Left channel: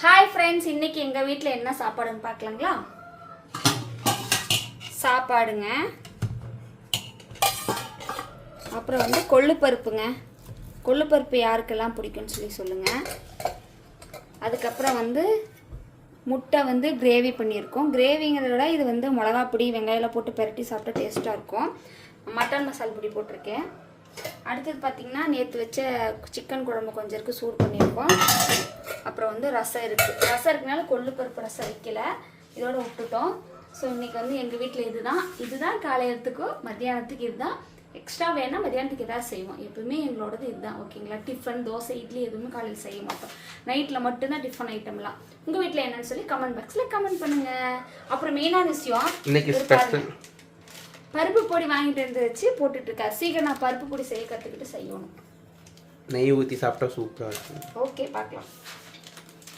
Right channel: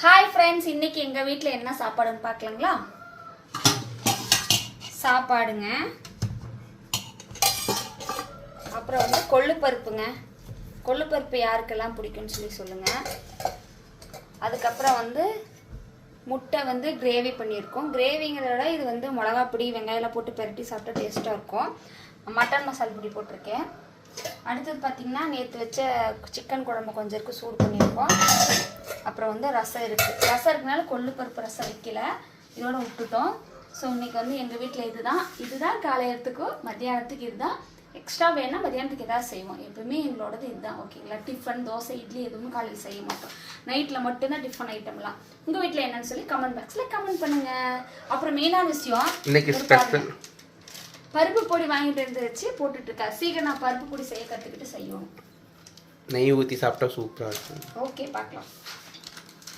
Hi friends, இன்னைக்கு எங்கள் வீட்டில் என்ன சாப்பாடுன்னு பார்க்கலாங்களா? சாப்பாடுங்க, அப்புறம் வந்து கொள்ளுப்பருப்புங்க. கொள்ளுப்பருப்பு யாருக்கெல்லாம் பிடிக்கும்னு சொல்லுங்கள். அதுக்கப்புறம் வந்து முட்டை வந்து கிரேவி பண்ணியிருக்கோம். கிரேவிங்கிறத விட இது வந்து மிளகா பொடி வெங்காயம்லாம் போட்டு பெரட்டி சாப்பிட்டா டேஸ்ட்டாக இருக்கும். மட்டன் மசாலா பொடி போட்டிருக்கேன். அடுத்தது பார்த்திங்கன்னா நேற்று வச்ச சிக்கன் குழம்பு கொஞ்சம் இருக்குது, சூடு பண்ணியிருக்கோம். அப்புறம் வந்து ரசம் இருக்குது. ரசம் இருக்கனால கொள்ளுப்பருப்பு ரசம் வைக்கல, இதோட விட்டுட்டோம். ஸோ இன்றைக்கி வந்து எங்கள் வீட்டில் இதுதான் காலையிலத்துக்கும் மத்தியானத்துக்கு இதுதான். எக்ஸ்ட்ரா வேணால் மத்தியானத்துக்கு எதாவது செய்வோம். எப்பவுமே எங்களோடது இதுதான், ஓகேங்களா? டிஃபன் தோசை இட்லி எதுவுமே காலையில் செய்ய மாட்டோம். நைட்டில் மட்டும்தான் டிஃபன் ஐட்டம்லாம். உங்கள் வீட்டில் என்னன்னு சொல்லி கமெண்ட் பாக்ஸில் கமெண்ட் பண்ணுங்கள். அப்புறம் மெயினான விஷயம், இன்னைக்கு ஸ்பெஷல் பருப்பு பொடி வாங்கிட்டு வந்து வச்சு போட்டுட்டு இருக்கா. சீக்கிரம் நான் பருப்பு பொடி செய்ய கற்றுக்கிட்டு செய்யணும். நெய் ஊற்றி சாப்பிட்டா சூப்பராக இருக்கும். ஓகே, பார்க்கலாம்.